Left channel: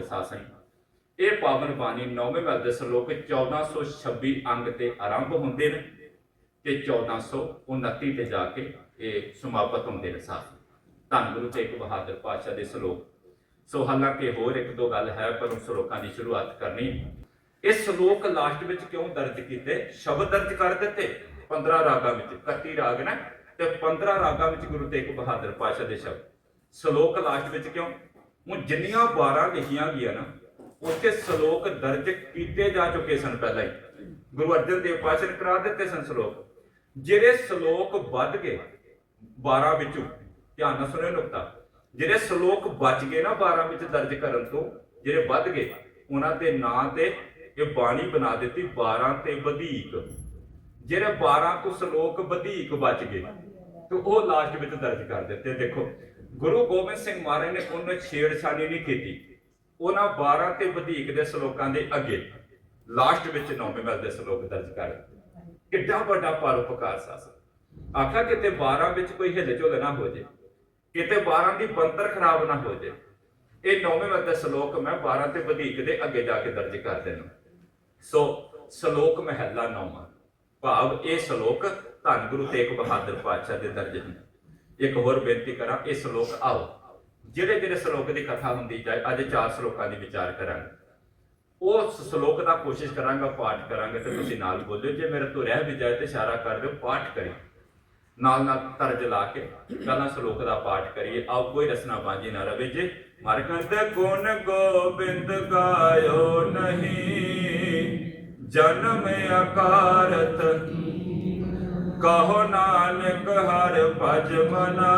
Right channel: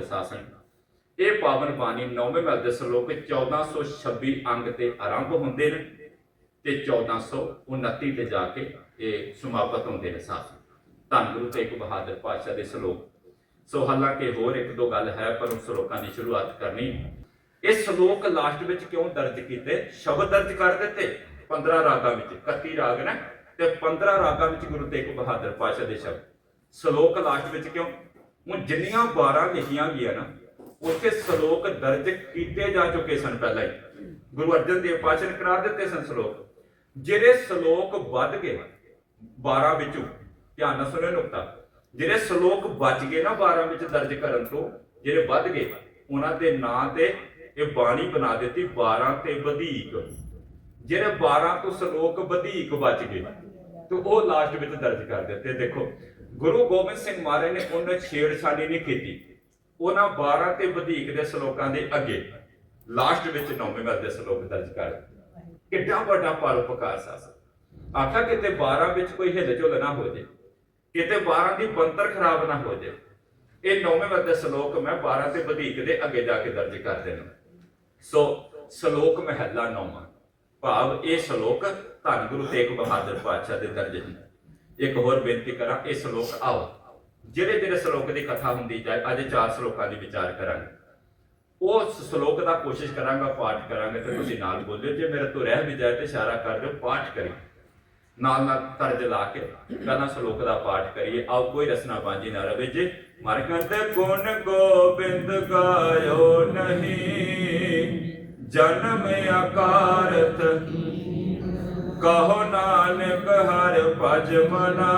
ਸਾਸਨ ਇਹ ਪਾਵਨ ਬਾਣੀ ਨੌਵੇਂ ਮਹਲ ਦੇ ਸ਼ਲੋਕ 1426 ਅੰਗ ਤੇ ਆਰੰਭ ਹੁੰਦੇ ਨੇ ਤੇ 1429 ਤੇ ਜਾ ਕੇ ਇਹ ਸਮਾਪਤ ਹੁੰਦੇ ਨੇ ਸਾਸਨ ਧੰਨ ਗੁਰੂ ਤੇਗ ਬਹਾਦਰ ਪਾਤਸ਼ਾਹ ਦੇ ਸ਼ਲੋਕ। ਸੋ ਹਾਲਾਂਕਿ ਹੋਰ ਇੱਕ ਦੋ ਗੱਲ ਹੈ, ਪਰ ਉਸ ਸ਼ਲੋਕਾਂ ਦੀ ਸ਼ੁਰੂਆਤ ਕਰਨੀ। ਇਹ ਸ਼ਲੋਕ ਲਾਸਟ ਵਿੱਚ ਕਿਉਂ ਦਰਜ ਕੀਤੇ? ਸ਼ਬਦ ਦਰਜ ਕਰ ਦਿੱਤੇ। 15 ਰਾਗਾਂ ਵਿੱਚ 31 ਰਾਗ ਨੇ ਤੇ 15 ਰਾਗਾਂ ਵਿੱਚ ਗੁਰੂ ਤੇਗ ਬਹਾਦਰ ਪਾਤਸ਼ਾਹ ਦੇ ਸ਼ਬਦ। ਸ਼ਲੋਕ ਲਾਸਟ ਵਿੱਚ ਕਿਉਂ? ਹੁਣ ਜਿੰਨੀਆਂ 12 ਲਿਖੀਆਂ ਗਈਆਂ ਨਾ, ਉੱਥੇ ਸ਼ਲੋਕ ਦਰਜ ਕੀਤੇ ਜਾ ਚੁੱਕੇ ਸਨ ਪਹਿਲਾਂ ਹੀ। ਗੁਰੂ ਅਰਜਨ ਦੇਵ ਪਾਤਸ਼ਾਹ ਨੇ ਕਰਾ ਦਿੱਤੇ ਸਨ ਸ਼ਲੋਕ। ਜਿਹੜੇ ਸ਼ਲੋਕ ਵੱਧ ਗਏ 12 ਵਿੱਚੋਂ, ਧਿਆਨ ਨਾਲ ਸੁਣਿਓ ਨੁਕਤਾ, ਜਿਹੜੇ ਸ਼ਲੋਕ ਬਚ ਗਏ ਨਾ 12 ਵਿੱਚ ਦਰਜ ਕਰਨ ਤੋਂ, ਜਿਹੜੇ ਵੱਧ ਗਏ, ਉਹਨਾਂ ਦੇ ਨਾਂ ਤੇ ਇਹ ਬਾਣੀ ਬਣਾ ਦਿੱਤੀ 12 ਤੇ ਵਧੇਕ। ਜਿਹੜੇ 12 ਤੋਂ ਸ਼ਲੋਕ ਵਧੇਕ ਬਚ ਗਏ, ਤੇ ਉਹ ਲਾਸਟ ਵਿੱਚ ਦਰਜ ਕਰ ਦਿੱਤੇ। ਦੇਖੋ ਗੁਰੂ ਗੋਬਿੰਦ ਸਿੰਘ ਮਹਾਰਾਜ ਨੇ ਉਹਨੇ ਛੇੜਛਾੜੀ ਨਹੀਂ ਕੀਤੀ। ਉਹਨਾਂ 12 ਤੇ ਵਧੇਕ ਦੇ ਸ਼ਲੋਕਾਂ ਦੇ ਅੱਗੇ ਲਾਸਟ ਵਿੱਚ ਨੌਵੇਂ ਵਰ ਦੇ ਸ਼ਲੋਕ ਦਰਜ ਕਰ ਕਿੱਡਾ ਵੱਡਾ ਪਰਉਪਕਾਰ ਸਾਸ ਆਖਾ ਕਿਤੇ 12 ਵਿੱਚ ਕੋਈ ਹਿੱਲ ਝੁਲ ਨਾ ਹੋ ਜੇ ਕਿਤੇ 12 ਦੀ ਬੰਤਰ ਖਰਾਬ ਨਾ ਹੋ ਜੇ ਇਹ ਨੌਵੇਂ ਮਹਲ ਦੇ ਸ਼ਲੋਕ ਮੈਂ 12 ਤੇ ਵਧੇਕ ਦੇ ਅੱਗੇ ਜਾ ਕੇ ਦਰਜ ਕਰ ਦੇਣਾ ਸੋ ਸ਼ਲੋਕ ਮਹਿਲਾ ਨੌਵਾਂ, ਭਾਵ ਇਹ ਸ਼ਲੋਕ ਧੰਨ ਗੁਰੂ ਤੇਗ ਬਹਾਦਰ ਪਾਤਸ਼ਾਹ ਦੇ ਦਰਜ ਨੇ ਇੱਕ ਹੋਰ ਬੇਨਤੀ ਕਰਾਂ ਇਹ ਸ਼ਲੋਕ ਆਓ। ਜਿਹੜੇ ਜਿਹੜੇ ਸ਼ਲੋਕ ਦੀ ਕਥਾ ਹੁੰਦੀ ਜਾਏ ਅੱਜ ਚਾਰ ਸ਼ਲੋਕਾਂ ਦੀ ਵਿਚਾਰ ਕਰਾਂਗੇ। ਉਸ ਸ਼ਲੋਕ ਦਾ ਕੋਸ਼ਿਸ਼ ਕਰਾਂਗਾ, ਪਾਠ ਕਰਾਂਗੇ ਤੇ ਤੁਸੀਂ ਨਾਲ ਬੋਲਿਓ। ਜੇ ਮੇਰੇ ਤੋਂ ਰਹਿ ਵੀ ਜਾਏ ਤੇ ਇਸ਼ਾਰਾ ਕਰ ਦਿਓ, ਪਾਠ ਕਰੀ ਨਾਲ ਨਾਲ ਤਰਜ ਲਾ ਕੇ ਪਹਿਲਾਂ ਸ਼ਲੋਕ ਦਾ ਪਾਠ ਕਰੀਏ। ਆਓ, ਕੋਈ ਰਸਨਾ ਬਾਂਝੀ ਨਾ ਰਵੇ ਜੇ। ਮਰਕੰਦ ਗੁਣ ਗੋਬਿੰਦ ਗਾਇਓ ਨਹੀਂ। ਜਨਮ ਆਕਾਰਤ ਕਹੋ ਨਾਨਕ ਹਰ ਭਜ ਮਨਾ,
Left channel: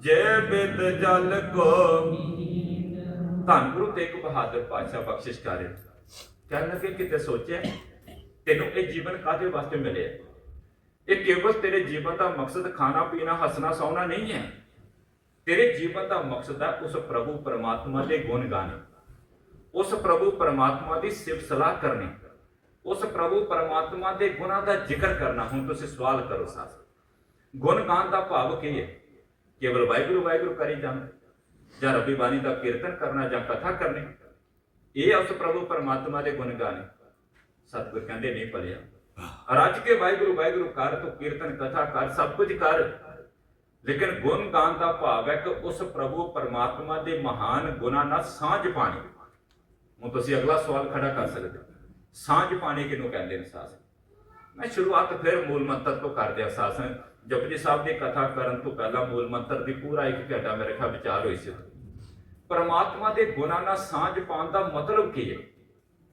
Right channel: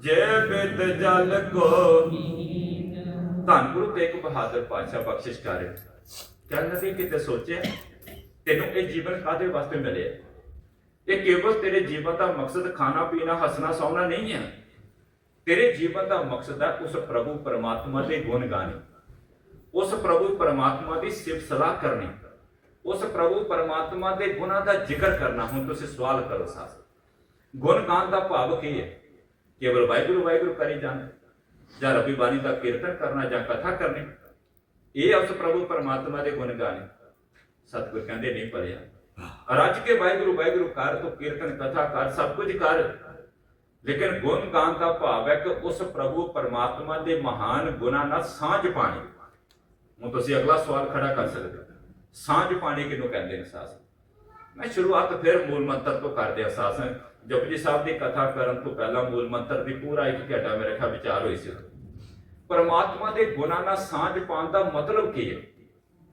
ਜੇ ਬਿਦ ਜਲ ਕੋ ਧੰਨ ਗੁਰੂ ਤੇਗ ਬਹਾਦਰ ਪਾਤਸ਼ਾਹ ਬਖਸ਼ਿਸ਼ ਕਰੇ ਚੱਲ ਲਗੇ ਕਿਤੇ ਸੋਚਿਆ, ਤੈਨੂੰ ਇਹ ਜੀਵਨ ਕਾਦੇ ਵਾਸਤੇ ਮਿਲਿਆ? ਇਹ ਕੇਵਲ ਤੇਰੇ ਜੀਵਨ ਦਾ ਮਕਸਦ ਖਾਣਾ, ਪੀਣਾ, ਹੱਸਣਾ, ਸੌਣਾ ਨਹੀਂ ਹੈ ਤੇਰੇ ਜੀਵਨ ਦਾ ਮਕਸਦ ਹੈ ਉਸ ਪ੍ਰਭੂ ਪਰਮਾਤਮਾ ਦੇ ਗੁਣ ਗਾਣੇ। ਉਸ ਪ੍ਰਭੂ ਪਰਮਾਤਮਾ ਦੀ ਸਿਫਤ ਸਲਾਹ ਕਰਨੀ। ਉਸ ਪ੍ਰਭੂ ਪਰਮਾਤਮਾ ਦੇ ਗੁਣਾਂ ਦਾ ਜ਼ਿਕਰ ਕਰਨਾ। ਹੁਣ ਤੁਸੀਂ ਸਵਾਲ ਕਰੋ ਸਾਸ ਗੁਣ ਗਾਣ ਦਾ ਭਾਵ ਕੀ ਹੈ? ਕੇਵਲ ਵਾਹਿਗੁਰੂ ਵਾਹਿਗੁਰੂ ਕਰੀ ਜਾਣਾ ਜਾਂ ਰੱਬੀ ਬਾਣੀ ਦਾ ਕੀਰਤਨ ਕਰਨਾ ਜਾਂ ਕਥਾ ਕਰਨੀ। ਇਹ ਉਸ ਪ੍ਰਭੂ ਪਰਮਾਤਮਾ ਦੇ ਗੁਣ ਗਾਣੇ। ਸਤਿਗੁਰ ਕਹਿੰਦੇ ਨਹੀਂ ਪੜਿਆ ਰੱਜ ਕੇ ਵਾਹਿਗੁਰੂ ਵਾਹਿਗੁਰੂ ਕਰ, ਤੂੰ ਕੀਰਤਨ ਕਥਾ ਕਰ, ਸਭ ਕੁਝ ਕਰ। ਲੇਕਿਨ ਗੁਣ ਗਾਣ ਦਾ ਭਾਵ ਹੈ ਕਿ ਉਸ ਪ੍ਰਭੂ ਪਰਮਾਤਮਾ ਦੇ ਮਹਾਨ ਗੁਣਾਂ ਨਾਲ ਸਾਂਝ ਪਾਣੀ। ਹੁਣ ਤੁਸੀਂ ਅਗਲਾ ਸਵਾਲ ਖੜਾ ਕਰ ਸਕਦੇ ਹੋ। ਸਾਂਝ ਪਾਣੀ ਕਿਹਨੂੰ ਕਹਿੰਦੇ ਨੇ ਸਾਸ ਮੈਂ ਸ਼ੁਰੂਆਤ ਫਿਰ ਮੂਲ ਮੰਤਰ ਤੋਂ ਕਰਦੇ ਆ ਸਾਸ ਜਪਜੀ ਸਾਹਿਬ ਦੀ ਕਥਾ ਕਰਨ ਤੋਂ ਪਹਿਲਾਂ ਮੂਲ ਮੰਤਰ ਦੀ ਪੂਰਾ ਇੱਕ ਘੰਟਾ ਮੇਰੇ ਖਿਆਲ ਵਿਚਾਰ ਹੋਈ ਸੀ। ਪਰਮਾਤਮਾ ਦੇ ਗੁਣਾਂ ਨਾਲ ਸਾਂਝ ਪਾਉਣ ਦਾ ਮਤਲਬ ਕੀ ਹੈ?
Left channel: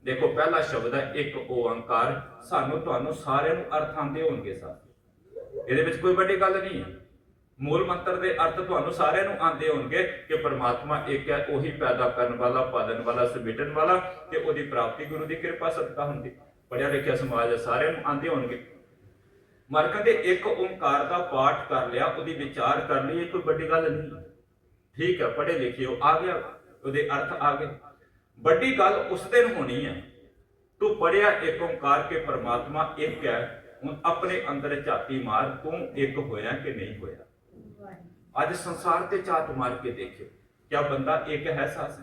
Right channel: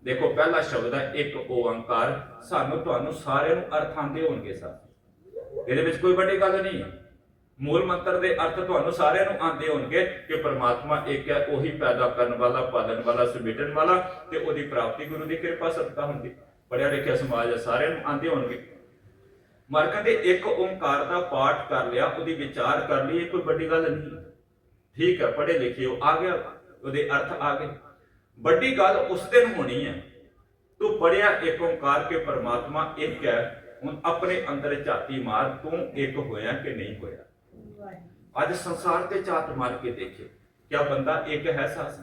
ਦੇਖੋ, ਪਹਿਲਾ ਸ਼ਬਦ ਹੈ ਇੱਕ ਓੰਕਾਰ। ਸਾਨੂੰ ਤੁਹਾਨੂੰ ਸਾਰਿਆਂ ਨੂੰ ਅਰਥ ਆਉਂਦੇ ਹੋਣਗੇ ਸਰ ਇਹਦੇ ਵਿੱਚ ਕੋਈ ਵੱਡੀ ਗੱਲ ਨਹੀਂ ਹੈ। ਮੂਲ ਮੰਤਰ ਦੇ ਅਰਥ ਤੁਹਾਨੂੰ ਸਾਰਿਆਂ ਨੂੰ ਆਉਂਦੇ ਹੋਣਗੇ ਕਿ ਪਰਮਾਤਮਾ ਇੱਕ ਹੈ ਉਹੀ ਪੈਦਾ ਕਰਨ ਵਾਲਾ ਪਾਲਣ ਵਾਲਾ ਸਮੇਟਣ ਵਾਲਾ ਤੇ ਉਹਦੀ ਪ੍ਰਾਪਤੀ ਗੁਰੂ ਦੀ ਕਿਰਪਾ ਸਦਕਾ ਹੁੰਦੀ। ਪੜਿਆ ਲਿਖਿਆ ਸਮਾਜ ਹੈ, ਸਾਰਿਆਂ ਨੂੰ ਆਉਂਦੇ ਹੋਣਗੇ। ਮਰ ਕਹਿੰਦੇ ਇੱਕ ਓੰਕਾਰ ਦਾ ਪਾਠ ਕਰ ਲਿਆ ਉਹਦੀ ਵਿਚਾਰ ਕਰ ਲਈ ਇਹ ਕੋਈ ਵੱਡੀ ਗੱਲ ਨਹੀਂ। ਠੀਕ ਹੈ ਪੜ੍ਹੇ ਲਿਖੇ ਹੋ ਆ ਗਿਆ। ਉਹਦੇ ਅਰਥ ਆ ਗਏ। ਵੱਡੀ ਗੱਲ ਉਸ ਦਿਨ ਹੋਣੀ ਹੈ। ਤੂੰ ਪੜਿਆ ਇੱਕ ਓੰਕਾਰ ਕੇ ਪਰਮਾਤਮਾ ਇੱਕ ਹੈ ਹੁਣ ਆਪਣੇ ਅੰਦਰ ਝਾਤੀ ਮਾਰ ਤੂੰ ਇੱਕ ਹੋਇਆ ਕਿ ਨਹੀਂ ਹੋਇਆ? ਅੱਜ ਸੰਸਾਰ ਤੇ ਝਾਤ ਮਾਰ ਕੇ ਦੇਖੇ, ਕਿਆ ਬੰਦਾ ਇੱਕ ਹੈ ਸਾਸ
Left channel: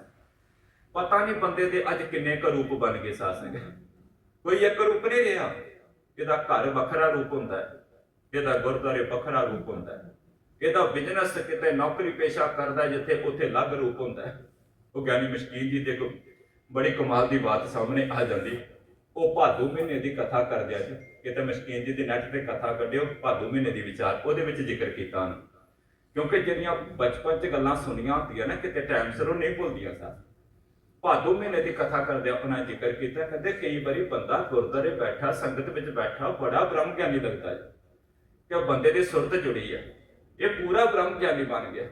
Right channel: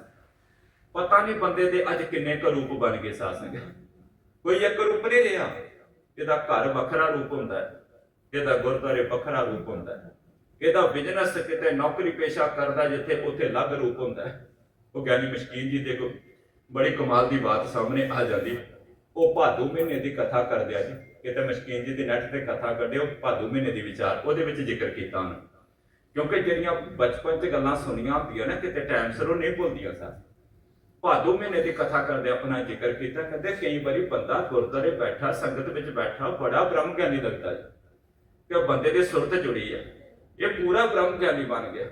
ਪਤਾ ਨਹੀਂ ਬੰਦੇ ਦੇ ਅੱਜ ਕਿੰਨੇ ਕੁ ਰੂਪ ਬਣ ਗਏ ਸਾਸ ਕੋਈ ਇੱਕ ਰੂਪ ਨਹੀਂ ਰਿਹਾ ਇਹਦਾ ਘਰ ਵੱਖਰਾ ਰੂਪ ਹੁੰਦਾ ਹੈ ਇਹਦਾ ਗੁਰਦੁਆਰੇ ਵੱਖਰਾ ਰੂਪ ਹੁੰਦਾ ਹੈ ਇਹਦਾ ਬਿਜ਼ਨਸ ਕਿਤੇ ਨੌਕਰੀ ਪੇਸ਼ਾ ਕਰਦਾ ਜਿੱਥੇ ਉੱਥੇ ਅਲੱਗ ਰੂਪ ਹੁੰਦਾ ਹੈ। ਉਹ ਗਿਆਨੀ ਮਸ਼ਕੀਨ ਜੀ ਦੇ ਕੋਲ ਬੜੀ ਕਮਾਲ ਦੀ ਬਾਤ ਸਾਹਮਣੇ ਆ ਜਾਂਦੀ ਉਹ ਭਾਦੂ ਮਹੀਨੇ ਦੀ ਕਥਾ ਕਰਦੇ ਆ ਜੀ। ਕਿਤੇ ਮਸ਼ਕੀਨ ਜੀ ਦੀ ਨੈਟ ਤੇ ਕਥਾ ਕੱਢਿਓ, ਭਾਦੂ ਮਹੀਨੇ ਦੀ ਵਿਚਾਰ, ਉਹਦੇ ਵਿੱਚ ਜ਼ਿਕਰ ਕੀਤਾ ਉਹਨੇ। ਕਿਉਂਕਿ ਜਿਹੜੀਆਂ ਬਚਪਨ 'ਚ ਗੱਲਾਂ ਸੁਣੀਆਂ ਹੁੰਦੀਆਂ ਨਾ, ਕਿਤੇ ਟਾਈਮ ਸਿਰ ਉਹ ਨਹੀਂ ਭੁੱਲਦੀਆਂ ਸਾ ਭਾਦੋ ਮਹੀਨੇ ਦੀ ਕਥਾ ਕਰਦੇ ਆਪਣਾ ਜ਼ਿਕਰ ਕੀਤਾ, ਕਹਿੰਦੇ ਕਈ ਵਾਰੀ ਬੰਦਾ ਗੁਰਦੁਆਰੇ ਬੈਠਾ, ਸੰਗਤ ਵਿੱਚ ਬੈਠਾ ਬੜਾ ਬ੍ਰਹਮ ਗਿਆਨੀ ਲੱਗਦਾ ਹੈ। ਕਿ ਬੰਦੇ ਦੀ ਸੁਰਤ ਜੁੜੀ ਹੈ। ਇਹ ਪੂਰਾ ਬ੍ਰਹਮ ਗਿਆਨੀ ਬਣ ਗਿਆ।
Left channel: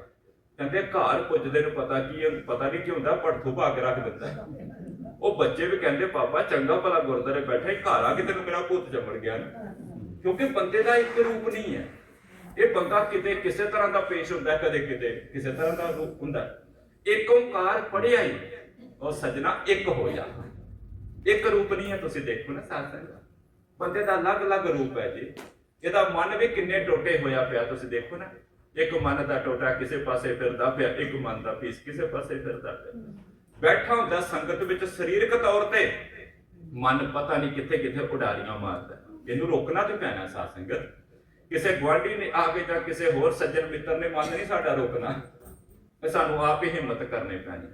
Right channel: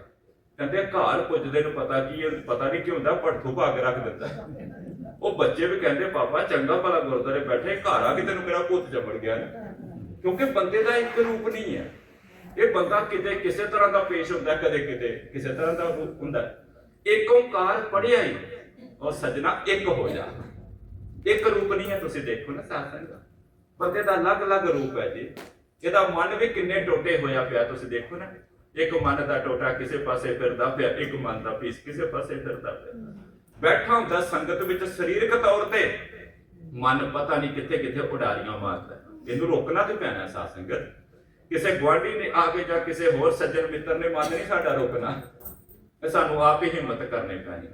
ਕਹਿੰਦੇ ਘਰ ਪੁੱਜਦੇ ਨੂੰ ਪਤਾ ਕੀ ਹੈ ਪਤਾ ਨਹੀਂ ਕੀ ਹੁੰਦਾ ਪੜਥੂ ਭਾਗ ਰੱਖ ਦਿੰਦਾ। ਉਹ ਬੱਚੇ ਵੀ ਕਹਿੰਦੇ, ਪਾਪਾ, ਚੰਗਾ ਭਲਾ ਗੁਰਦੁਆਰੇ ਬੈਠੇ, ਘਰ ਆ ਕੇ ਤੈਨੂੰ ਮੇਰਾ ਪੁੱਤ ਜੰਮੜ ਗਿਆ ਨਾ। ਕਿਉਂਕਿ ਬੰਦੇ ਦਾ ਇੱਕ ਰੂਪ ਨਹੀਂ ਹੈ। ਇਹ ਬੰਦਾ ਕਿਤੇ ਕਿਸੇ ਤਰ੍ਹਾਂ ਦਾ ਪੇਸ਼ ਹੁੰਦਾ, ਕਦੇ ਕਿਤੇ ਕਿਸੇ ਤਰ੍ਹਾਂ ਦਾ ਰੂਪ ਹੁੰਦਾ। ਇੱਕ ਓੰਕਾਰ ਪੜਿਆ ਹੀ ਉਹ ਸਜਣਾ ਇੱਕ ਹੋ ਜਾ ਇੱਕ ਰੂਪ ਨਹੀਂ ਹੈ, ਤੁਸੀਂ ਦੇਖੋ ਨਾ ਸਾਥ ਸੰਗਤ ਬੰਦੇ ਦਾ ਅਲੱਗ-ਅਲੱਗ ਰੂਪ ਹੈ ਜੀ। ਇਹਦਾ ਮਨ ਵੀ ਕਿੰਨੇ ਟੋਟੇ ਹੋਇਆ ਪਿਆ, ਤੁਸੀਂ ਦੇਖੋ ਨਾ। ਇੱਕ ਮਨ ਦਾ ਟੋਟਾ ਕਿਸੇ ਪਾਸੇ ਫਿਰਦਾ ਪਿਆ, ਇੱਕ ਮਨ ਦਾ ਪੀਸ ਕਿਸੇ ਪਾਸੇ ਫਿਰਦਾ ਪਿਆ। ਬੈਠਾ ਹੁੰਦਾ ਸੰਗਤ ਵਿੱਚ ਸਰੀਰਕ ਤੌਰ ਤੇ। ਮਨ ਪਤਾ ਨਹੀਂ ਕਿੱਥੇ ਕਿੱਥੇ ਉਡਾਰੀਆਂ ਮਾਰਦਾ। ਇਹਨੂੰ ਰੋਕਣਾ ਤੇ ਪੈਣਾ ਸਾਧ ਸੰਗਤ। ਕਿਸੇ ਗੁਆਂਢੀ ਨੇ ਆ ਕੇ ਜਾਂ ਕਿਸੇ ਹੋਰ ਸੱਜਣ ਮਿੱਤਰ ਨੇ, ਮਨ ਨਹੀਂ ਸਾਡਾ ਰੋਕਣਾ। ਸਾਨੂੰ ਆਪ ਹੀ ਹਿੰਮਤ ਕਰਨੀ ਪੈਣੀ।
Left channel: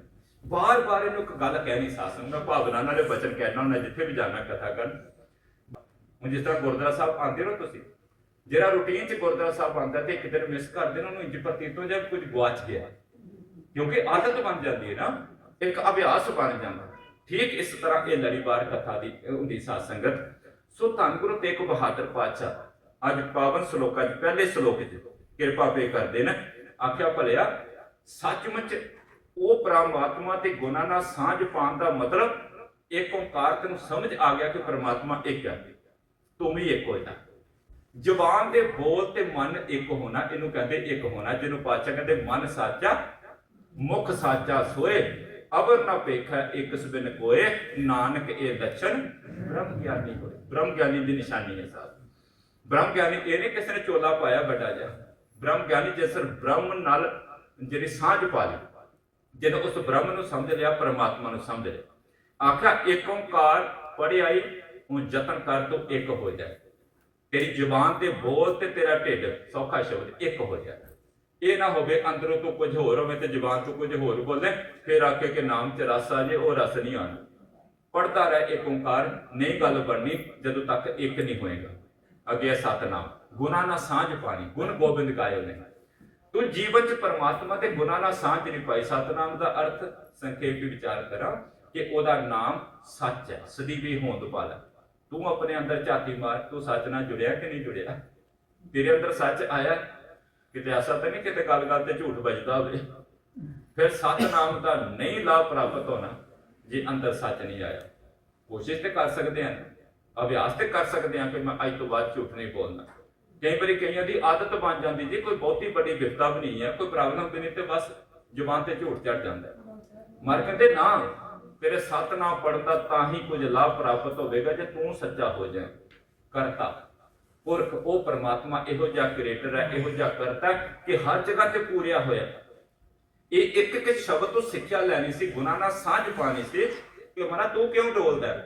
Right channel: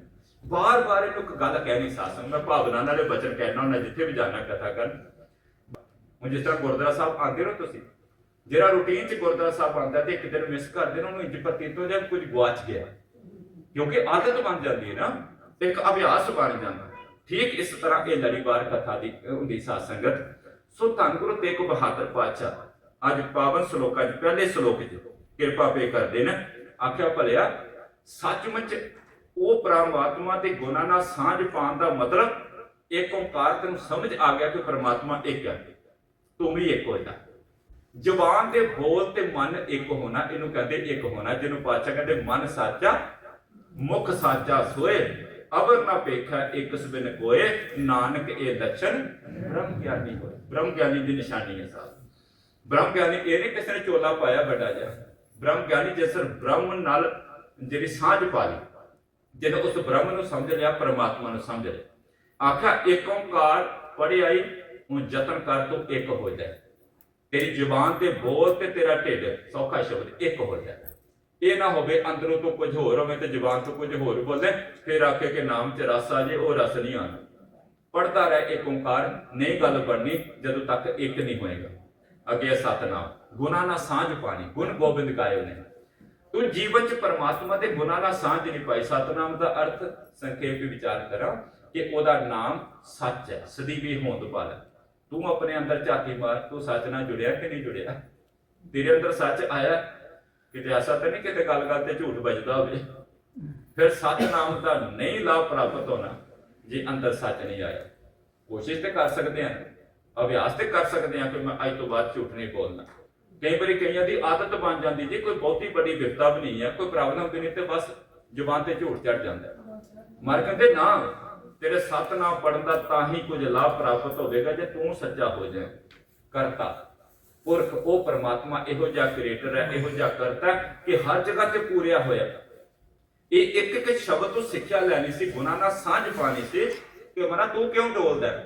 ਬਾਰ-ਬਾਰ ਇਹਨੂੰ ਇੱਕ ਗੱਲ ਕਹਿਣੀ ਸਾਧ ਸੰਗਤ, ਮੈਂ ਭਾਵਨਾ ਨਾਲੇ ਬਚਨ ਕਹਿਣਾ ਹੁੰਦਾ, ਜਿੱਥੇ ਵੀ ਜਾਣਾ ਕਥਾ ਕਰਨ। ਹੁਣ ਜਿਸ ਤਰ੍ਹਾਂ ਗੁਰਦੁਆਰਾ ਸਾਹਿਬ ਆਉਂਦੇ ਹੋ ਤੁਸੀਂ, ਜਿਹੜਾ ਰੂਟੀਨ 'ਚ ਗੁਰਦੁਆਰਾ ਸਾਹਿਬ ਆਉਂਦਾ ਤੇ ਇੱਕ ਦਿਨ ਮਿਸ ਕਰਦੇ ਨੇ, ਉਹਨੂੰ ਇੰਜ ਪ੍ਰਤੀਤ ਹੋ ਜਾਂ ਕੁਝ ਗਵਾਚ ਗਿਆ। ਕਿਉਂਕਿ ਆਦਤ ਬਣ ਜਾਂਦੀ ਹੈ ਨਾ। ਇੱਕ ਅਭਿਆਸ ਬਣ ਜਾਂਦਾ। ਠੀਕ ਇਸ ਤਰ੍ਹਾਂ ਇਹ ਲੜੀਵਾਰ ਕਥਾ ਦੀ ਹੁੰਦੀ ਸਾਧ ਸੰਗਤ। ਸੋ ਧੰਨ ਗੁਰੂ ਤੇਗ ਬਹਾਦਰ ਪਾਤਸ਼ਾਹ, ਅੱਜ ਪਾਵਨ ਸ਼ਲੋਕਾਂ 'ਚ ਪਹਿਲੇ ਸ਼ਲੋਕ 'ਚ ਕਿਰਪਾ ਪੇ ਕਰਦੇ ਨੇ। ਆਖਿਆ, ਭਲਿਆ, ਸੱਚਮੁੱਚ ਉਹ ਪ੍ਰਮਾਤਮਾ ਤੇ ਗੁਣਾਂ ਨਾਲ ਸਾਂਝ ਪਾਉਣ ਦਾ ਮਤਲਬ ਇੱਕ ਓੰਕਾਰ ਤੈਨੂੰ ਸਮਝ ਆ ਗਿਆ ਕਿ ਪ੍ਰਮਾਤਮਾ ਇੱਕ ਹੈ ਤੂੰ ਵੀ ਇੱਕ ਹੋ ਜਾ। ਦੇ ਬੋਲ ਤੇ ਮਨ ਇੱਕ ਹੋਣਾ, ਇਹਨੂੰ ਕਹਿੰਦੇ ਇੱਕ ਹੋਣਾ, ਜਿਹਨੂੰ ਪਾਤਸ਼ਾਹ ਕਹਿੰਦੇ ਮਨ ਸਾਚਾ, ਮੁਖ ਸਾਚਾ ਸੋਏ। ਅਵਰ ਨਾ ਪੇਖਾ ਇੱਕ ਸਬਿਨ ਕੋਏ ਨਾਨਕ ਇਹ ਲੱਛਣ ਬ੍ਰਹਮ ਗਿਆਨੀ ਹੋਏ। ਬ੍ਰਹਮ ਗਿਆਨੀ ਦੀ ਨਿਸ਼ਾਨੀ ਹੈ ਸਾਹਿਬ ਬ੍ਰਹਮ ਗਿਆਨੀ ਇਹ ਨਹੀਂ ਕਿਸੇ ਨੇ ਚੋਲਾ ਪਾਇਆ ਵੱਡਾ ਜਿਹਾ। ਬ੍ਰਹਮ ਗਿਆਨੀ ਜਿਸ ਬ੍ਰਹਮ ਨਾਲ ਜਿਹੜੀ ਸਾਂਝ ਪਾ ਲਈ ਜਿਹਨੇ ਉਸ ਬ੍ਰਹਮ ਨੂੰ ਸਮਝ ਲਿਆ, ਪਰਮਾਤਮਾ ਨੂੰ ਸਮਝ ਲਿਆ। ਆਖਿਆ ਏਕ ਓੰਕਾਰ ਪੜ੍ਹਿਆ ਹੁਣ ਯਤਨ ਕਰ ਤੂੰ ਇੱਕ ਹੋ ਜਾ। ਤੇਰੀ ਜ਼ੁਬਾਨ ਤੇ ਬੋਲ ਤੇ ਤੇਰਾ ਢਿੱਡ ਸੌਖਾ ਸ਼ਬਦ ਇੱਕ ਹੋ ਜਾ। ਇਹ ਨਾ ਹੋਵੇ ਅੰਦਰੋਂ ਤੋਂ ਕੁਝ ਹੋਰ ਹੋਵੇ ਤੇ ਜ਼ੁਬਾਨ ਤੋਂ ਕੁਝ ਹੋਰ ਬੋਲੇ, ਫਿਰ ਆਖੇ ਕਿ ਨਾਮ ਚ ਰਸ ਆ ਜੇ, ਉਹ ਰਸ ਨਹੀਂ ਆਣਾ ਪੜਦਾ ਰਹਿ ਏਕ ਓੰਕਾਰ, ਨਹੀਂ ਗੱਲ ਬਣਨੀ ਜਦੋਂ ਤੱਕ ਇੱਕ ਨਹੀਂ ਹੋਏਗਾ। ਅੱਗੇ ਸਤਨਾਮ। ਗੁਨਾ ਨਾਲ ਸਾਂਝ ਪਾਣੀ, ਗੁਣ ਗੋਬਿੰਦ ਗਾਇਓ ਨੇ। ਤੂੰ ਜੀਵਨ ਚ ਪਰਮਾਤਮਾ ਦੇ ਗੁਨਾ ਨਾਲ ਸਾਂਝ ਨਹੀਂ ਪਾਈ। ਸਤਨਾਮ ਦਾ ਅਰਥ ਸੰਖੇਪ ਵਿੱਚ ਵਿਚਾਰ ਕਰਾਂ ਕਿ ਉਹਦਾ ਨਾਮ ਸੱਚ ਹੈ ਸਦੀ ਵੀ ਹੋਂਦ ਪਾਲਾ ਤੂੰ ਆਪਣੇ ਅੰਦਰ ਝਾਤੀ ਮਾਰ, ਤੂੰ ਸੱਚ ਨਾਲ ਜੁੜਿਆ ਕਿ ਨਹੀਂ ਜੁੜਿਆ? ਤੇਰੇ ਅੰਦਰ ਸੱਚ ਆਇਆ ਕਿਤੇ ਐਸਾ ਤਾਂ ਨਹੀਂ ਕਿਤੇ ਗੱਲ-ਗੱਲ ਤੇ ਝੂਠ ਵੱਜਦਾ ਹੋਵੇ। ਫਿਰ ਸਤਨਾਮ ਦਾ ਨਹੀਂ ਲਾਭ ਪ੍ਰਾਪਤ ਹੋਣਾ ਜੇ ਅੰਦਰ ਸੱਚ ਨਹੀਂ ਆਇਆ। ਕੋਸ਼ਿਸ਼ ਤੇ ਕਰ ਸਕਦੇ ਹਾਂ, ਅਭਿਆਸ ਤੇ ਕਰ ਸਕਦੇ ਹਾਂ ਕਿ ਮੈਂ ਅੱਜ ਤੋਂ ਬਾਅਦ ਝੂਠ ਨਹੀਂ ਬੋਲਣਾ। ਕਈ ਵਾਰੀ ਕਈਆਂ ਦੀ ਆਦਤ ਬਣ ਜਾਂਦੀ ਜੀ, ਕੋਈ ਬਹੁਤੀ ਵੱਡੀ ਵਿਪਤਾ ਵੀ ਨਹੀਂ ਹੈ, ਕੋਈ ਪ੍ਰੋਬਲਮ ਵੀ ਤੇ ਬਸ ਜ਼ੁਬਾਨ ਤੇ ਝੂਠ ਚੜ ਜਾਂਦਾ ਮਰ ਕਹਿੰਦੇ, ਨਾ, ਤੇਰੇ ਸਤਨਾਮ ਪੜਨ ਦਾ ਤਾਂ ਹੀ ਕੁਝ ਲਾਭ ਪ੍ਰਾਪਤ ਹੋਵੇਗਾ ਜੇ ਤੂੰ ਸੱਚਾ ਹੋ ਜਾਏ। ਕਰਤਾ। ਪੁਰਖ, ਉਹ ਪਰਮਾਤਮਾ ਇਹੋ ਜਿਹਾ ਕ੍ਰੀਏਟਰ ਹੈ, ਇਹੋ ਜਿਹਾ ਕਰਤਾ ਕਿ ਹਰ ਜਗ੍ਹਾ ਤੇ ਪੂਰਿਆ ਹੋਇਆ। ਇਹ ਇੱਕ ਇੱਕ ਸ਼ਬਦ ਤੋਂ ਸਿੱਖਿਆ ਲੈਣੀ ਸੀ, ਗੁਨਾਹ ਨਾਲ ਸਾਂਝ ਪਾਣੀ ਸੀ ਕਿ ਮਨਾ ਤੂੰ ਕਿਉਂ ਡੋਲਦਾ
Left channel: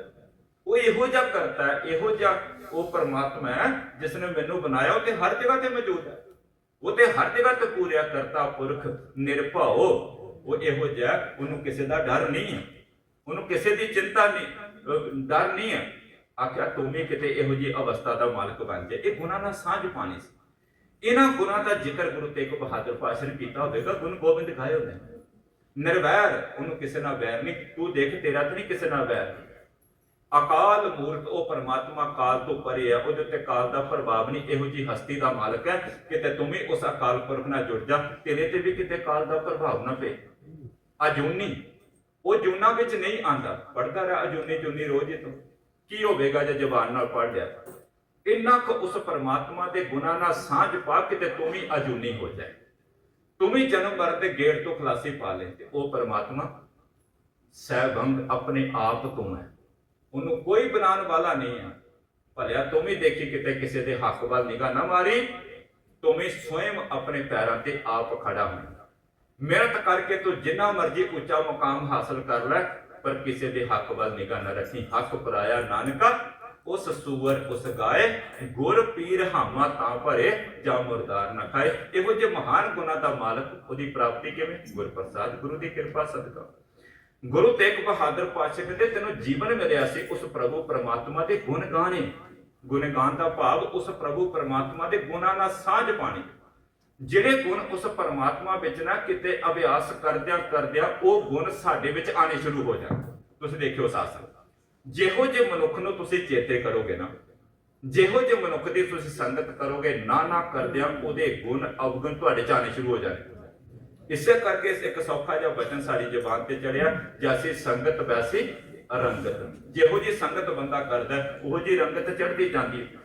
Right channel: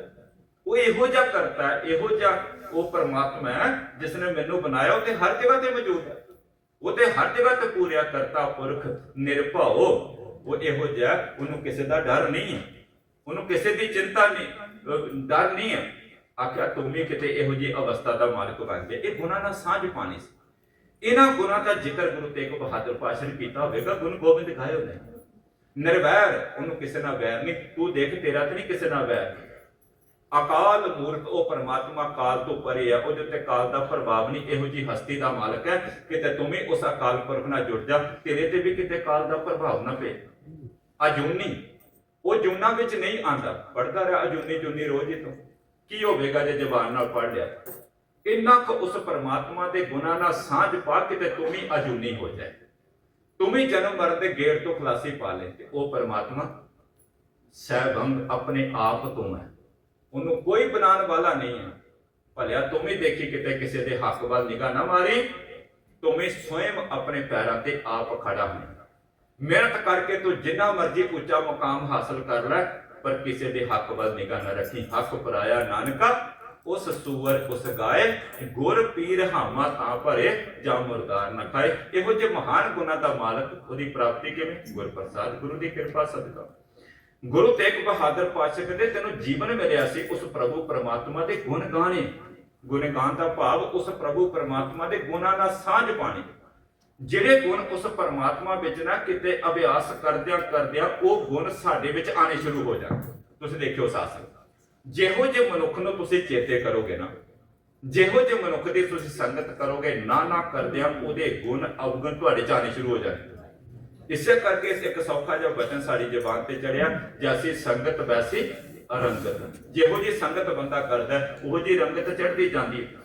ਉਹ ਇਹੋ ਜਿਹਾ ਕਰਤਾ ਹੈ, ਇਹੋ ਜਿਹਾ ਉਹ ਪਰਮਾਤਮਾ ਹੈ ਜਿਸ ਨੇ ਮੈਨੂੰ ਬਣਾਇਆ, ਉਹ ਤੇ ਹਰ ਜਗ੍ਹਾ ਤੇ ਮੌਜੂਦ ਹੈ। ਉਹ ਤੇ ਹਰ ਜਗ੍ਹਾ ਤੇ ਪੂਰਿਆ ਕਰਤਾ ਪੁਰਖ, ਨਿਰਭਉ। ਉਹ ਇਹੋ ਜਿਹਾ, ਉਹਨੂੰ ਕਿਸੇ ਦਾ ਡਰ ਨਹੀਂ ਹੈ। ਉਹਨੂੰ ਕਿਸੇ ਦੀ ਚਿੰਤਾ ਨਹੀਂ ਡਰ ਨਹੀਂ ਹੈ। ਆਖਿਆ, ਤੂੰ ਵੀ ਕਿਤੇ ਇਹੋ ਜਿਹੀ ਅਵਸਥਾ ਦਾ ਮਾਲਕ ਬਣ ਗਿਆ ਇਹ ਗੁਨਾਹ ਨਾਲ ਸਾਂਝ ਪਾਣੀ ਸੀ। ਇਹਨਾਂ ਗੁਣਾਂ ਦਾ ਜ਼ਿਕਰ ਗੁਰੂ ਤੇਗ ਬਹਾਦਰ ਪਾਸ਼ਾ ਨੇ ਕੀਤਾ ਹੋਵੇਗਾ। ਗੁਰੂ ਗੋਬਿੰਦ ਗਾਏ ਹੋਏ ਨਿਰਵੈਰ, ਉਹਨੂੰ ਕਿਸੇ ਨਾਲ ਵੈਰ ਨਹੀਂ। ਤੂੰ ਦੇਖ, ਤੇਰਾ ਤਾਂ ਨਹੀਂ ਕਿਸੇ ਨਾਲ ਵੈਰ। ਅਕਾਲ ਮੂਰਤ, ਉਹ ਪਰਮਾਤਮਾ ਕਾਲ ਤੋਂ ਪਰੇ ਹੈ ਉਹਦੇ ਉੱਤੇ ਕਾਲ ਦਾ ਪ੍ਰਭਾਵ ਨਹੀਂ। ਇਹੋ ਜੀ ਹਸਤੀ ਦਾ ਮਾਲਕ ਹੈ। ਕਿਤੇ ਤੂੰ ਵੀ ਉਸ ਅਕਾਲ ਪੁਰਖ ਨਾਲ ਜੁੜ ਜਾ। ਤੇਰੇ ਤੇ ਵੀ ਕਿਤੇ ਕਾਲ ਦਾ ਪ੍ਰਭਾਵ ਨਾ ਪਏ। ਅਜੂਨੀ। ਉਹ ਜੂਨਾ ਵਿੱਚ ਨਹੀਂ ਆਂਦਾ ਪੜਦਾ ਰਿਹਾ ਅਜੂਨੀ ਜੂਨੀ ਰੋਜ਼ ਹੀ ਤੋਂ। ਕੀ ਹੋਵੇਗਾ ਜੇ ਜ਼ਬਾਨ ਨਾਲ ਪੜ ਲਿਆ ਇੰਨਾ ਕੁ ਉਸ ਪਰਮਾਤਮਾ ਦੇ ਗੁਣਾ ਨਾਲ ਸਾਂਝ ਪਾ ਕੇ ਤੇ ਤੂੰ ਵੀ ਅਜੂਨੀ ਹੋ ਜਾਏ। ਤੂੰ ਵੀ ਜਨਮ ਮਰਨ ਦੇ ਗੇੜ ਤੋਂ ਖਲਾਸੀ ਪਾ ਲੈ ਤੇ ਉਹ ਪਰਮਾਤਮਾ ਸਹਿਬੰਗ ਆਪਣੇ ਆਪ ਤੋਂ ਹੈ। ਉਹਨੂੰ ਕੋਈ ਬਣਾਉਣ ਵਾਲਾ ਨਹੀਂ ਹੈ। ਭਲਿਆ ਤੂੰ ਵੀ ਦੇਖੀ ਕਿਤੇ ਕਿਸੇ ਦੇ ਹੱਕ ਵੱਲ ਨਿਗਾਹ ਨਾ ਮਾਰੀ, ਤੂੰ ਵੀ ਸਵਯੰ ਆਪਣੇ ਪੈਰਾਂ ਤੇ ਆਪ ਖੜਾ ਹੋ ਮਿਹਨਤ ਕਰਕੇ ਤੂੰ ਜਿੰਨਾ ਮਰਜ਼ੀ ਉੱਚਾ ਮੁਕਾਮ ਹਾਸਲ ਕਰ ਲੈ ਪਰ ਕਿਸੇ ਦੇ ਹੱਕ ਵੱਲ ਨਿਗਾਹ ਨਾ ਰੱਖੀ। ਹੱਕ ਪਰਾਇਆ ਨਾਨਕਾ, ਉਸ ਸੂਵਰ ਉਸ ਗਾਏ, ਗੁਰ ਪੀਰ ਹਾਮਾ ਤਾਂ ਭਰੇ, ਜਾਂ ਮੁਰਦਾਰ ਨਾ ਖਾਏ। ਇਹੋ ਜਿਹੇ ਮਹਾਨ ਗੁਣਾ ਦਾ ਮਾਲਕ ਉਹਦੀ ਪ੍ਰਾਪਤੀ ਕਿਵੇਂ ਗੁਰ ਪ੍ਰਸਾਦ, ਗੁਰੂ ਦੀ ਕਿਰਪਾ, ਸਦਕਾ। ਗੁਰੂ ਤੇਗ ਬਹਾਦਰ ਪਾਤਸ਼ਾਹ ਕਹਿੰਦੇ, ਤੈਨੂੰ ਜੀਵਨ ਮਿਲਿਆ ਸੀ, ਉਸ ਪ੍ਰਭੂ ਪਰਮਾਤਮਾ ਦੇ ਗੁਣ ਗਾਣੇ। ਗੁਣ ਗਾਣ ਦਾ ਭਾਵ ਉਸ ਪ੍ਰਭੂ ਪਰਮਾਤਮਾ ਦੇ ਗੁਣਾਂ ਨਾਲ ਸਾਂਝ ਪਾਣੀ। ਜਿਹੜੇ ਗੁਣ ਉਸ ਪਰਮਾਤਮਾ ਵਿੱਚ ਨਾ ਕਿਤੇ ਅਭਿਆਸ ਕਰਦਿਆਂ ਕਰਦਿਆਂ ਉਹ ਗੁਣ ਸਾਡੇ ਵਿੱਚ ਆਣੇ ਸ਼ੁਰੂ ਹੋ ਜਾਣ। ਤੁਸੀਂ ਦੇਖਿਓ ਸਾਸਰ ਜਿਹੋ ਜੇ ਮਨੁੱਖ ਨੂੰ ਤੁਸੀਂ ਚੇਤੇ ਕਰੋਗੇ ਨਾ ਜਿਹੋ ਜੇ ਮਨੁੱਖ ਦੀ ਤੁਸੀਂ ਸੰਗਤ ਕਰੋਗੇ ਨਾ ਨਾ ਕਰਦਿਆਂ ਉਹਦੇ ਗੁਣ ਅਵਗੁਣ ਤੁਹਾਡੇ ਚ ਆਣੇ ਸ਼ੁਰੂ ਹੋ ਜਾਣਗੇ ਇਸੇ ਕਰਕੇ ਇੱਕ ਸੌਖਾ ਜਿਹਾ ਬਚਨ ਸਾਡੀ ਜ਼ਬਾਨ ਤੇ ਚੜਿਆ ਜੈਸੀ ਸੰਗਤ ਵੈਸੀ ਰੰਗਤ। ਜਿਹੋ ਜੀ ਸੰਗਤ ਬੰਦਾ ਕਰਦਾ ਹੈ, ਉਹੋ ਜੀ ਰੰਗਤ ਚੜਦੀ ਜਾਂਦੀ। ਹੈ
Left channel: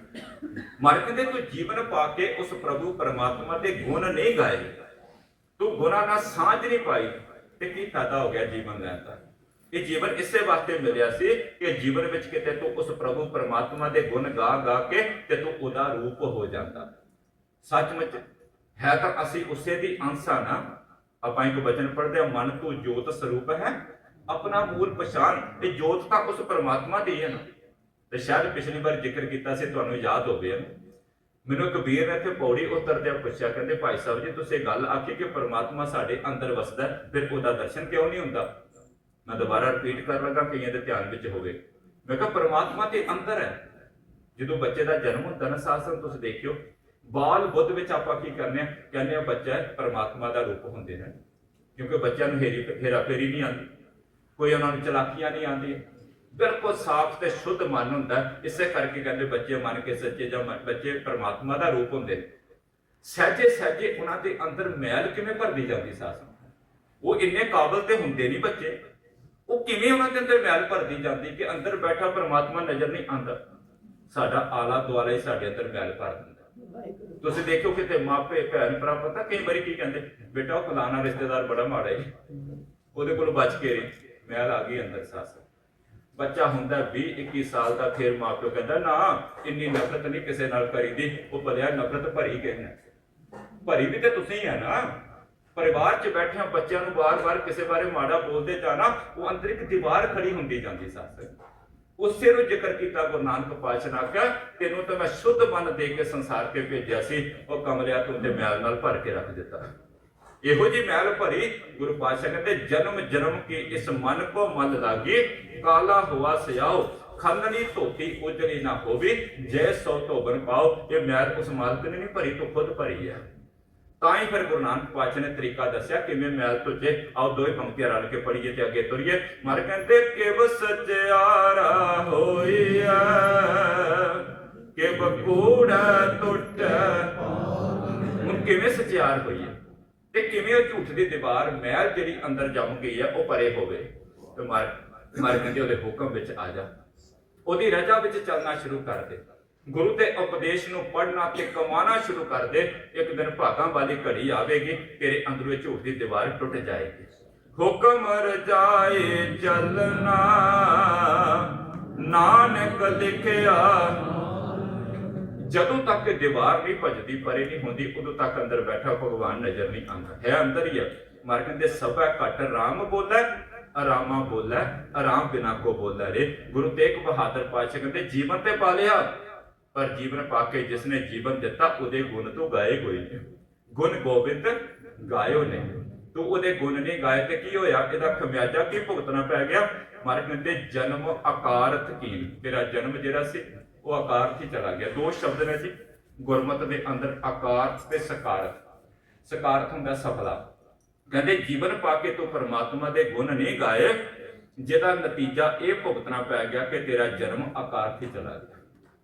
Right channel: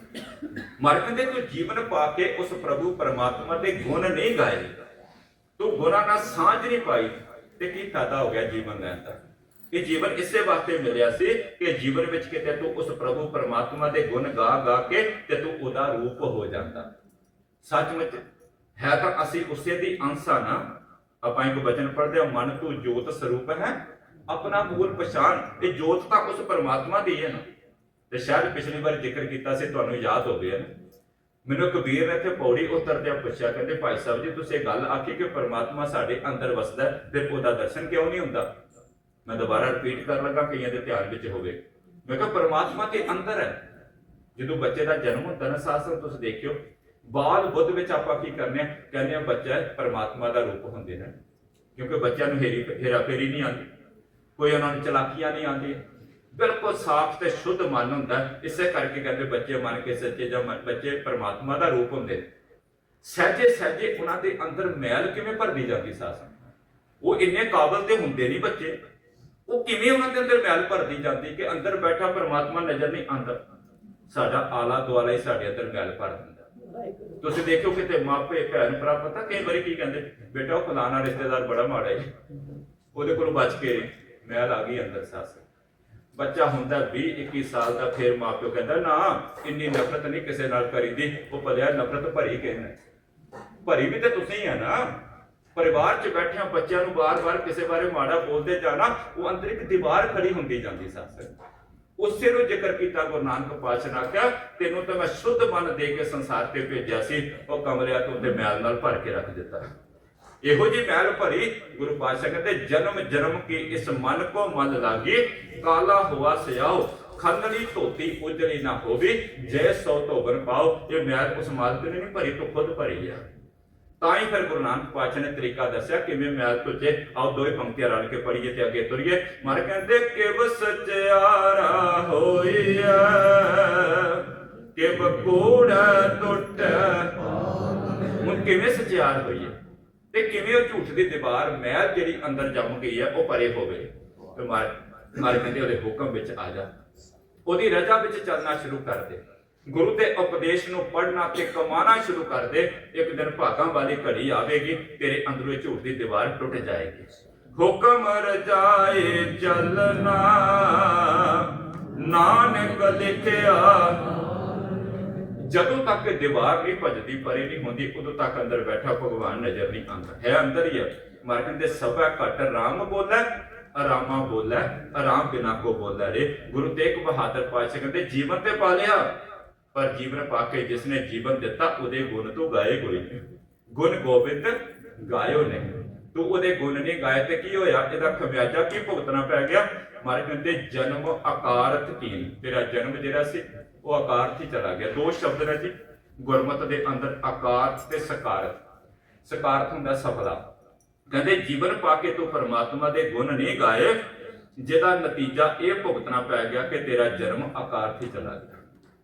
ਮਰ ਕਹਿੰਦੇ ਤੂੰ ਜੀਵਨ ਪਾ ਕੇ ਉਸ ਪ੍ਰਭੂ ਪਰਮਾਤਮਾ ਦੇ ਗੁਣ ਨਹੀਂ ਗਾਏ। ਤੂੰ ਗੁਣਾਂ ਨਾਲ ਸਾਂਝ ਨਹੀਂ ਪਾਈ ਤੇ ਕੀ ਫਾਇਦਾ ਹੋ ਗਿਆ ਜੀਵਨ ਲੈਣ ਦਾ? ਇਹ ਜੀਵਨ ਇਸੇ ਵਾਸਤੇ ਮਿਲਿਆ ਸੀ ਕਿ ਜੀਵਨ ਵਿੱਚ ਕਿਤੇ ਤੂੰ ਉਸ ਪ੍ਰਭੂ ਪਰਮਾਤਮਾ ਦੇ ਗੁਣ ਗਾ ਗਾ ਕੇ ਤੇ ਤੂੰ ਉਹਦਾ ਰੂਪ ਹੋ ਜਾਂਦਾ। ਸੱਚਮੁੱਚ ਹੈ ਤਾਂ ਅਸੀਂ ਉਸੇ ਦੀ ਅੰਸ਼ ਆ ਨਾ। ਆਪਾਂ ਇੱਕ ਵਚਨ ਪੜ੍ਹਦੇ ਆ ਮਨ ਤੂੰ ਜੋਤ ਸਰੂਪ ਹੈ। ਆਪਣਾ ਮੂਲ ਪਛਾਣ ਤੇ ਜੋਤ ਤਾਂ ਉਸ ਪਰਮਾਤਮਾ ਦੀ ਹੈ ਨਾ। ਤੇ ਸ਼ਾਇਦ ਪਿਛਲੀ ਵਾਰ ਜ਼ਿਕਰ ਕੀਤਾ ਸੀ, ਤੁਹਾਨੂੰ ਯਾਦ ਹੋਵੇ। ਨਾ ਮੈਨੂੰ ਕਬੀਰ ਨੇ ਇੱਥੇ ਪੌੜੀ ਉਤਰਦਿਆਂ ਪੁੱਛਿਆ, ਕਹਿੰਦੇ, ਭਾਈ ਸਾਹਿਬ ਜੀ, ਤੁਸੀਂ ਇਹ ਗੱਲ ਆਖੀ ਕਿ ਪਰਮਾਤਮਾ ਸਾਡੇ ਅੰਦਰ ਵਸਦਾ ਫਿਰ ਉਹਦਾ ਦਰਸ਼ਨ ਕਿਉਂ ਨਹੀਂ ਹੁੰਦਾ? ਮੈਂ ਦੁਬਾਰਾ ਰਿਪੀਟ ਕਰ ਲੱਗਾ ਕਈਆਂ ਦੇ ਧਿਆਨ ਵਿੱਚ ਹੋਵੇ। ਮੈਂ ਕਿਹਾ, ਪਰਮਾਤਮਾ ਤੇ ਅੰਦਰ ਹੈ। ਜਦੋਂ ਬੱਚੇ ਦਾ ਜਨਮ ਹੁੰਦਾ ਨਾ ਸਾਸਨ ਤੁਸੀਂ ਦੇਖਿਓ, ਬਾਲ ਬੁੱਧ ਵਿੱਚ ਆਪਾਂ ਕੀ ਕਰਨੇ ਆ? ਕਹਿੰਦੇ ਆ, ਬੱਚਾ ਪਰਮਾਤਮਾ ਦਾ ਰੂਪ ਹੁੰਦੇ ਨੇ। ਕਿਉਂਕਿ ਬੱਚਿਆਂ ਨੂੰ ਹੇਰੀ ਹੇਰਾ ਫੇਰੀ ਨਹੀਂ ਆਉਂਦੀ। ਕੋਈ ਉਹਨਾਂ ਨੂੰ ਚਲਾਕੀਆਂ ਨਹੀਂ ਆਉਂਦੀਆਂ। ਬਿਲਕੁਲ ਸਾਫ਼ ਤੇ ਸ਼ੁੱਧ ਮਨ ਹੁੰਦਾ ਇਸੇ ਕਰਕੇ ਕਹਿੰਦੇ ਬੱਚੇ ਮੰਨ ਕੇ ਸੱਚੇ ਜਾਂ ਬੱਚੇ ਪਰਮਾਤਮਾ ਦਾ ਰੂਪ ਹੁੰਦੇ ਨੇ। ਸਹਿਜੇ ਸਹਿਜੇ ਉਹਨਾਂ ਦੇ ਅੰਦਰ ਮੈਲ ਕਿਵੇਂ ਭਰਦੀ ਜਾਂਦੀ ਸਾਸ? ਉਹ ਇੰਨੇ ਕਾਬਲ ਤੇ ਹੁੰਦੇ ਨਹੀਂ ਬੱਚੇ। ਉਹ ਕਿਵੇਂ ਉਹਨਾਂ ਦੇ ਅੰਦਰ ਮੈਲ ਭਰਦੀ ਜਾਂਦੀ ਕਿ ਅੰਦਰ ਬੈਠਾ ਪਰਮਾਤਮਾ ਨਜ਼ਰ ਨਹੀਂ ਆਉਂਦਾ? ਸਾਡਾ ਆਲਾ ਦੁਆਲਾ ਹੀ ਸਾਡੇ ਅੰਦਰ ਮੈਲ ਭਰ ਦਿੰਦਾ। ਤੁਸੀਂ ਦੇਖੋ ਕਿਤੇ ਮਾਪੇ, ਭੈਣ, ਭਰਾ, ਪਤਾ ਕਈ ਵਾਰੀ ਕੀ ਕਹਿੰਦੇ? ਬੇਟਾ, ਉਹ ਫਲਾਣਾ ਰਿਸ਼ਤੇਦਾਰ ਬੜਾ ਮਾੜਾ ਹੈ ਉਹਦੇ ਕੋਲ ਬਚ ਕੇ ਮੈਲ ਆ ਗਈ ਅੰਦਰ ਸੱਸ। ਬੱਚਾ ਹੁੰਦਾ 20 21 ਸਾਲ ਦਾ, ਫਿਰ ਮਾਪਿਓ ਕਹਿੰਦਾ, ਨਾ, ਇੰਨੀ ਨਫ਼ਰਤ ਨਹੀਂ ਕਿਸੇ ਨਾਲ ਕਰੀਦੀ। ਉਹ ਭਲਿਆ ਨਫ਼ਰਤ ਭਰੀ ਕਿਸੇ ਭਰੀ ਵੀ ਤੇ ਤੁਸੀਂ ਆ ਨਾ। ਪਰਿਵਾਰ 'ਚ ਬੈਠਿਆਂ ਬੱਚਿਆਂ ਨੂੰ ਬਾਰ-ਬਾਰ ਕਿਸੇ ਬਾਰੇ ਮਾੜਾ ਬੋਲਦੇ ਜਾਣਾ, ਉਹ ਅੰਦਰ ਇੱਕ ਦੀਵਾਰ ਖੜੀ ਹੁੰਦੀ ਜਾਂਦੀ ਸੱਸ। ਉਸੇ ਨੂੰ ਜ਼ਿਕਰ ਕੀਤਾ ਗੁਰੂ ਨਾਨਕ ਪਾਤਸ਼ਾਹ ਨੇ ਆਖਿਆ, ਤੈਨੂੰ ਤਾਂ ਮੈਂ ਸ਼ੁੱਧ ਮਨ ਦੇ ਕੇ ਸੰਸਾਰ ਤੇ ਭੇਜਿਆ ਸੀ। ਉਹ ਕਮਰਿਆ ਤੂੰ ਤੇ ਮੈਲ ਨਾਲ ਭਰ ਕੇ ਰੱਖ ਦਿੱਤਾ। ਇਹੋ ਜੀ ਮਹਿਲ ਭਰੀ ਗੁਰੂ ਪਾਤਸ਼ਾਹ ਕਹਿੰਦੇ, ਜਨਮ ਜਨਮ ਕੇ ਇਸ ਮਨ ਕੋ ਮਨ ਲਾਗੀ, ਕਾਲਾ ਹੁਆ ਸਿਆਓ ਖੰਡਨੀ ਧੋਤੀ ਉਜੜੀ ਨਾ ਹੋਵੇ, ਜੈ ਸੋ ਧੋਬਨ ਪਾਓ। ਇਹ ਮੈਲ ਉਸ ਮਾਲਕ ਨੇ ਨਹੀਂ ਭਰੀ, ਤੂੰ ਖੁਦ ਭਰੀ ਹੈ ਤਾਂ ਹੀ ਫਿਰ ਗੁਰੂ ਨਾਨਕ ਪਾਤਸ਼ਾਹ ਨੇ ਤਰੀਕਾ ਦੱਸਿਆ ਕਿਵੇਂ ਮੈਲ ਤੁਝੇ ਆਓ ਦੋਵੇਂ ਪੰਕਤੀਆਂ ਰਲ ਕੇ ਪੜੀਏ ਤੇ ਅੱਗੇ ਤੁਰੀਏ। ਮਰ ਕਹਿੰਦੇ, ਕਿਵ ਸਚਿਆਰਾ ਹੋਈਐ, ਕਿਵ ਕੂੜਾ ਟੁੱਟ, ਹੁਣ ਕਿਵੇਂ ਸਚਿਆਰ ਹੋਈਏ? ਤੇ ਕਿਵੇਂ ਉਹ ਝੂਠ ਦੀ ਦੀਵਾਰ ਮੈਲ ਜਿਹੜੀ ਅੰਦਰ ਜੰਮ ਗਈ ਹੈ ਉਹ ਪਰੇ ਹੋਵੇ ਤੇ ਮਰ ਮਰ ਕਹਿੰਦੇ ਉਹਦੇ ਹੁਕਮ ਵਿੱਚ ਆ ਜਾ। ਉਹਦੀ ਰਜ਼ਾ ਵਿੱਚ ਚੱਲਣਾ ਸ਼ੁਰੂ ਕਰ ਦੇ। ਗੁਰੂ ਦੇ ਉਪਦੇਸ਼ ਨੂੰ ਪੜ੍ਹਨਾ ਤੇ ਕਮਾਣਾ ਸ਼ੁਰੂ ਕਰ ਦੇ। ਇੱਕ ਦਿਨ ਭਾਗਾਂ ਵਾਲੀ ਘੜੀ ਆਵੇਗੀ, ਤੇਰੇ ਅੰਦਰੋਂ ਝੂਠ ਦੀ ਦੀਵਾਰ ਟੁੱਟ ਜਾਏਗੀ। ਹੁਕਮ ਰਜਾਏ ਚੱਲਣਾ, ਨਾਨਕ ਲਿਖਿਆ ਜਦੋਂ ਤੱਕ ਦੀਵਾਰ ਨਹੀਂ ਭਜਦੀ, ਪਰੇ ਨਹੀਂ ਹੁੰਦੀ, ਉਦੋਂ ਤੱਕ ਅੰਦਰ ਬੈਠਾ ਭਗਵਾਨ ਨਜ਼ਰ ਨਹੀਂ ਆਉਂਦਾ। ਹੈ ਅੰਦਰ ਹੀ ਹੈ ਮਰ ਕਹਿੰਦੇ ਸਭਾ ਘਟ ਰਾਮ ਬੋਲੇ ਆਰਾਮਾ ਬੋਲੇ ਆਰਾਮ ਬਿਨਾ ਕੋ ਬੋਲੇ ਰੇ। ਗੁਰੂ ਤੇਗ ਬਹਾਦਰ ਪਾਤਸ਼ਾਹ ਕਹਿੰਦੇ, ਜੀਵਨ ਤੇ ਪਾ ਲਿਆ। ਪਰ ਜੀਵਨ ਪਾ ਕੇ ਜਿਸ ਨੇ ਜੀਵਨ ਦਿੱਤਾ, ਉਹਦੇ ਗੁਣ ਤੋਂ ਗਾਏ ਕੋਈ ਨਹੀਂ। ਗੁਣ ਗੋਬਿੰਦ ਗਾਇਓ ਨੇ। ਤੂੰ ਉਹਦੇ ਗੁਣ ਨਹੀਂ ਗਾਏ ਤੇ ਕੀ ਹੋਇਆ? ਇਹਦਾ ਖਮਿਆਜਾ ਕੀ ਭੁਗਤਣਾ ਪੈ ਗਿਆ? ਮਰ ਕਹਿੰਦੇ, ਜਨਮ ਆਕਾਰਤ ਕੀਨ। ਤੇਰਾ ਜਨਮ ਜਿਹੜਾ ਸੀ ਉਹ ਆਕਾਰਤ ਹੀ ਚਲਾ ਗਿਆ। ਦੋ ਸ਼ਬਦ ਨੇ ਜੀ, ਗੁਰਮਤ ਦੇ ਅੰਦਰ ਆਕਾਰ ਤੇ ਸਕਾਰਤ। ਸਕਾਰਤ ਹੁੰਦਾ ਸਫਲਾ। ਕਹਿੰਦੇ ਜੀਵਨ ਪਾ ਕੇ ਤੂੰ ਪਰਮਾਤਮਾ ਦੇ ਗੁਣ ਨਹੀਂ ਗਾਏ ਜਿਹਦਾ ਨਤੀਜਾ ਇਹ ਭੁਗਤਣਾ ਪੈ ਗਿਆ ਕਿ ਤੇਰਾ ਜਨਮ ਆਕਾਰਤ ਹੀ ਚਲਾ ਗਿਆ।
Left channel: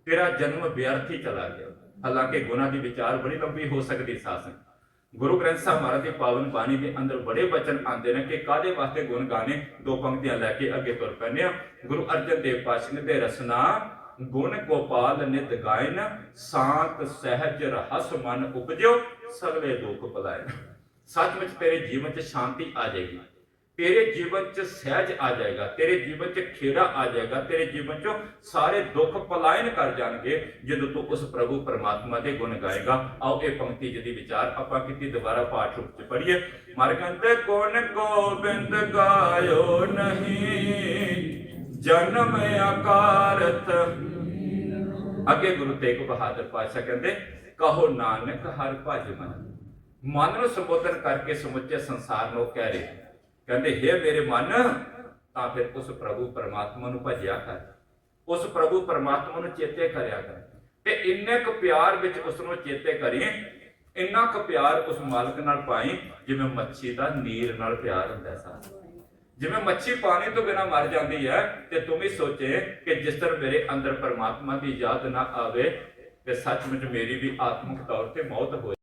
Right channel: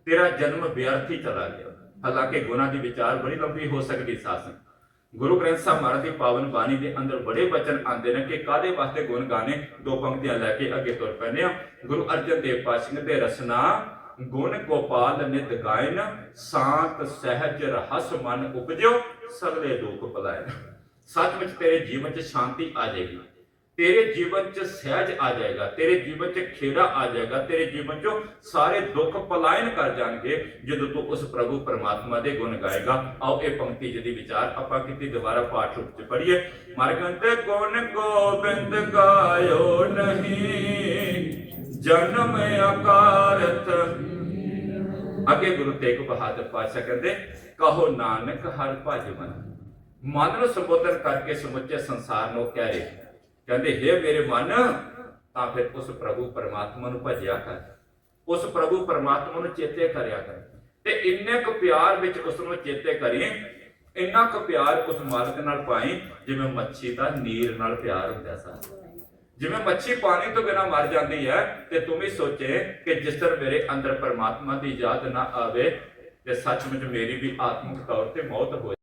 ਤੇਰਾ ਜਨਮ ਵਿਅਰਥ ਹੀ ਚਲਾ ਗਿਆ। ਹਾਲਾਂਕਿ ਗੁਣਾਂ ਦੀ ਵਿਚਾਰ ਬੜੀ ਲੰਬੀ ਹੋ ਸਕਦੀ ਸਾਸਨ। ਗੁਰੂ ਗ੍ਰੰਥ ਸਾਹਿਬ ਮਹਾਰਾਜ ਦੀ ਪਾਵਨ ਬਾਣੀ ਦੇ ਅੰਦਰ ਬੜੇ ਬਚਨ ਆਉਂਦੇ ਨੇ ਕਿ ਕਾਦੇ ਵਾਸਤੇ ਗੁਣ ਗਾਣੇ? ਦੋ ਪੰਕਤੀਆਂ ਲੈ ਕੇ ਅੱਗੇ ਤੁਰ ਪੈਨੇ ਆ ਗੁਰੂ ਅਰਜਨ ਦੇਵ ਪਾਤਸ਼ਾਹ ਦੇ ਰਸਨਾ ਗੁਣ ਗੋਪਾਲ ਨਿਤ ਗਾਇਨ, ਸਾਤ ਸਹਿਜ ਰਹਸ ਮਨ ਉਪਜਿਓ, ਸਗਲੇ ਦੁੱਖ ਭਲਾਇਨ ਸੱਚਮੁੱਚ ਤੇਰੇ ਜੀਵਨ 'ਚ ਸ਼ਾਂਤੀ ਆ ਜਾਏਗੀ। ਤੇਰੇ ਜੀਵਨ 'ਚ ਸਹਿਜ ਆ ਜਾਏਗਾ, ਤੇਰੇ ਜੀਵਨ 'ਚ ਖੇੜਾ ਆ ਜਾਏਗਾ, ਤੇਰੇ ਜੀਵਨ 'ਚੋਂ ਸਾਰੇ ਦੁੱਖ ਪਲਾਇਨ ਕਰ ਜਾਣਗੇ ਜਦੋਂ ਤੂੰ ਉਸ ਪ੍ਰਭੂ ਪਰਮਾਤਮਾ ਦੇ ਗੁਣ ਗਾਏਗਾ। ਆਓ ਇਹ ਪੰਕਤੀ ਜਿਹਦੀ ਵਿਚਾਰ ਆਪਾਂ ਕੀਤੀ, ਦੁਬਾਰਾ ਪਾਠ ਰੂਪ 'ਚ ਪੜ੍ਹੀਏ। ਮਰਗੰਤ ਗੁਣ ਗੋਬਿੰਦ ਗਾਇਓ ਨਹੀਂ, ਜਨਮ ਆਕਾਰਤ ਅੱਗੇ ਗੁਰੂ ਤੇਗ ਬਹਾਦਰ ਪਾਤਸ਼ਾਹ ਕਹਿੰਦੇ, ਕਹੋ ਨਾਨਕ ਹਰ ਭਜ ਮਨ। ਮਨ ਨੂੰ ਸੰਬੋਧਨ ਕਰਕੇ ਸਮੁੱਚੇ ਸੰਸਾਰ ਨੂੰ ਕਹਿ ਰਹੇ। ਕਹਿੰਦੇ हे ਮੇਰੇ ਮਨ, ਤਾਂ ਫਿਰ ਉਸ ਪ੍ਰਭੂ ਪਰਮਾਤਮਾ ਨੂੰ ਭਜਿਆ ਕਰ। ਉਸ ਪ੍ਰਭੂ ਪਰਮਾਤਮਾ ਨੂੰ ਚੇਤੇ ਕਰਿਆ ਕਰ। ਤੇ ਇੰਨੇ ਕੁ ਪਿਆਰ ਵਿੱਚ ਉਸ ਨੂੰ ਚੇਤੇ ਕਰੀ, ਇੰਨਾ ਕੁ ਪਿਆਰ ਉਸ ਮਾਲਕ ਨਾਲ ਪਾਈ, ਜਿਵੇਂ ਮੱਛੀ ਦਾ ਨੀਰ ਨਾਲ ਪਿਆਰ ਹੁੰਦਾ ਸਾ ਜਿਵੇਂ ਮੱਛੀ ਪਾਣੀ ਤੋਂ ਬਿਨਾ ਮਰ ਜਾਂਦੀ ਹੈ ਤੇ ਤੂੰ ਵੀ ਸੋਚੇ ਕਿ ਜਿਸ ਤਰ੍ਹਾਂ ਮੇਰੇ ਅੰਦਰ ਪਰਮਾਤਮਾ ਦੀ ਯਾਦ ਨਾ ਆਵੇ ਤੇ ਸੱਚਮੁੱਚ ਮੇਰੀ ਵੀ ਆਤਮਿਕ ਤੌਰ ਤੇ ਮੌਤ ਹੋ